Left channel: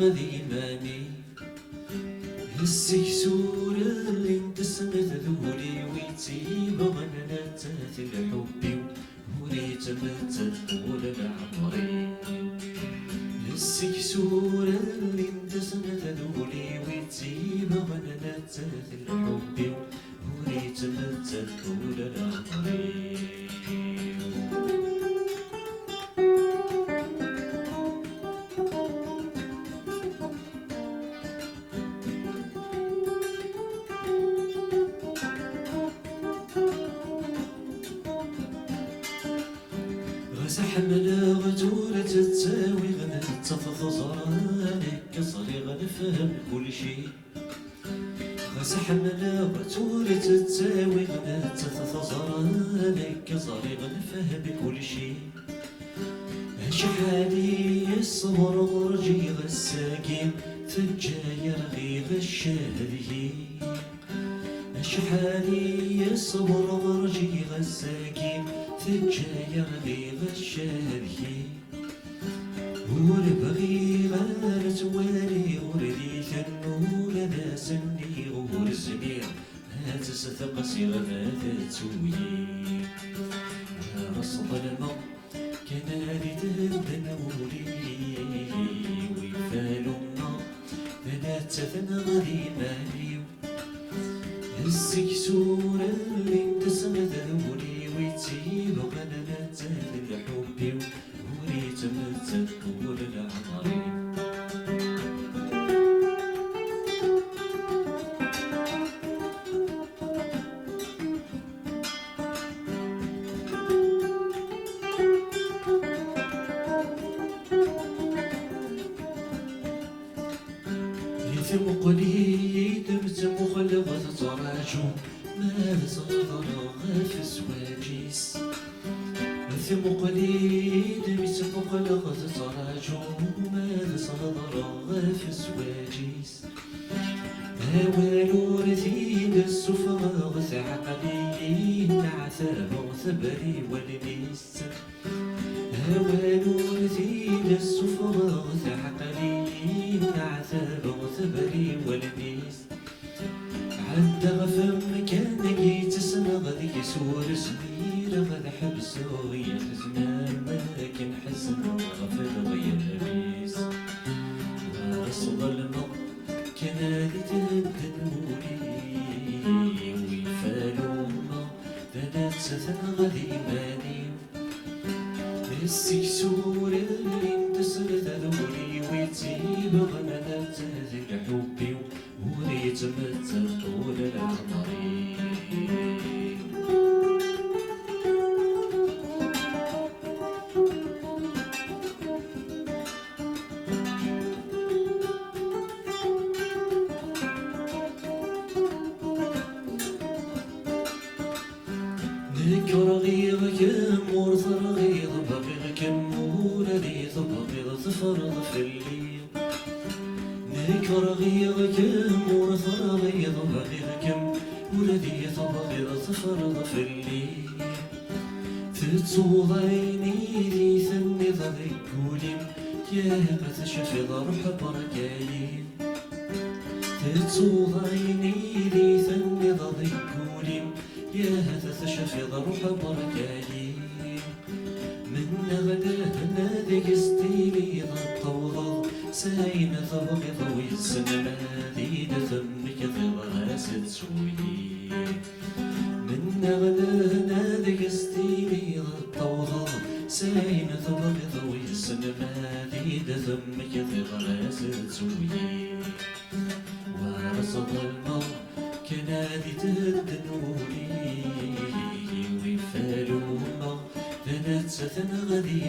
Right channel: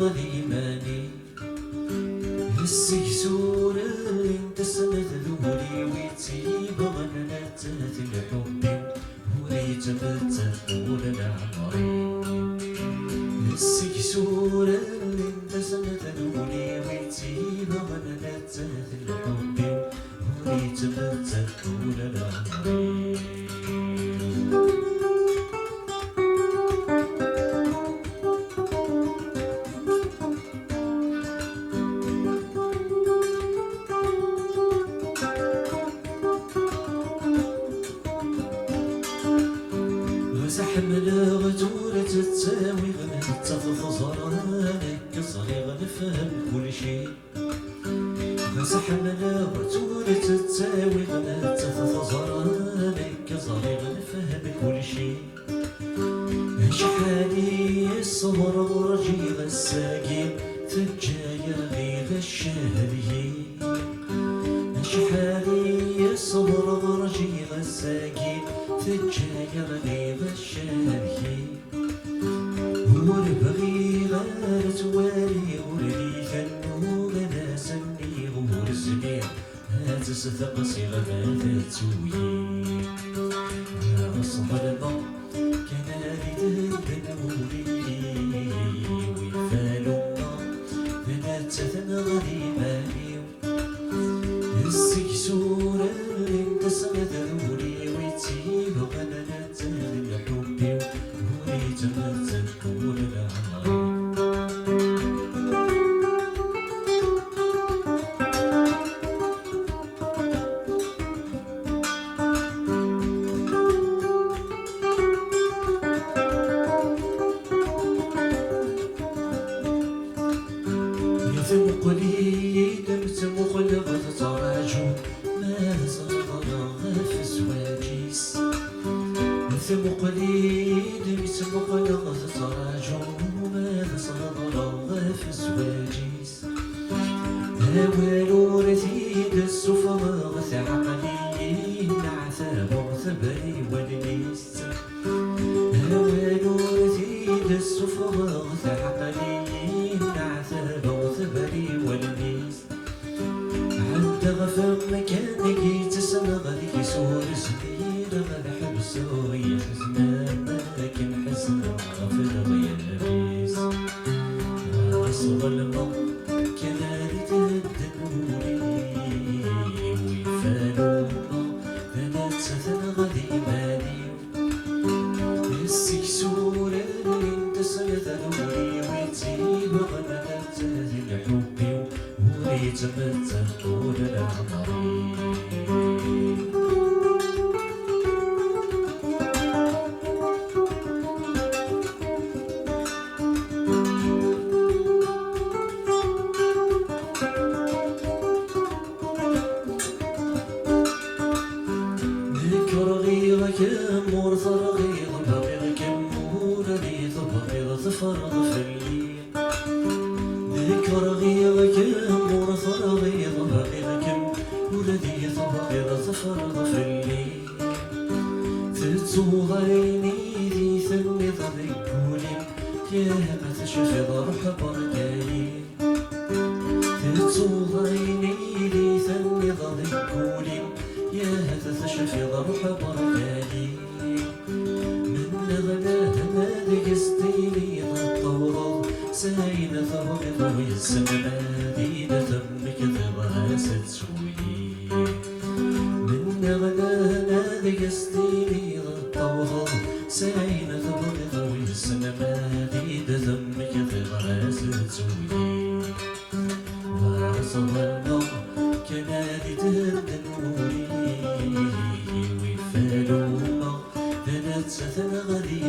غذي ماني السكسور انت سنة ذولي ويتيب غنات الحب وريت بتت طول العمري السكسور انت سنة ذولي ويتيب غنات الحب وريت بتت طول العمري زحمنا غدورة تتساوي غنات تفخزرانك صريغ نفهم كل شي زحمنا غدورة تتساوي غنات تفخزرانك صريغ نفهم كل شي شحالي الصبر غرجي غساكين تجاير غيغ الشهري شحالي الصبر غرجي غساكين تجاير غيغ الشهري وربغي غير توالي وريك النور ناسني ورزني هاتستق صغر تتوي أصبر الماء كان ريد النوري ويفالو ما ذنات ثنغذي ماني السكسور اللي سمد ذولي ويتيب غنات الحب وريت بتت طول العمر يثم قليل دمت مغلظ تراجو ما صدر في الزواجيس يثم قليل دمت مغلظ تراجو ما صدر في الزواجيس أول رثيد السفر غث عقلي عثر ثبري والميس أول رثيد السفر غث عقلي عثر ثبري والميس عند غفم مكانك تسمى غذي سور سبيل غد حبسو يحزن لكن حزن غفر ويلبيس وصل الماء كان ريد النوري ويفالو ما ذنات ثنا غذي ماني السكسور اللي انتسل ذنوري ويتيب غنات الحب وريت بتت طول العمري ذكر غيرك مرثر غير بغيرك موردي ثبغير ثفرض في الليل ذكر غيرك مرثر غير بغيرك موردي ثبغير ثفرض في الليل تتصو عيني ذي ثني ضذكولي يا أتشف ضرح بركالي تتصو عيني ذي ثني ضذكولي يا تشف ضرح بركالي من غدا هنادك ستيلي الطورة ساين ثربض والسماء دين ثمك ثغاسة سوي من غدا هنادك ستيلي الطورة ساين ثربض والسماء دين ثمك ثغاسة سوي وصل الماء كان ريد النوري ويفالو ما ذنات ثنا غذي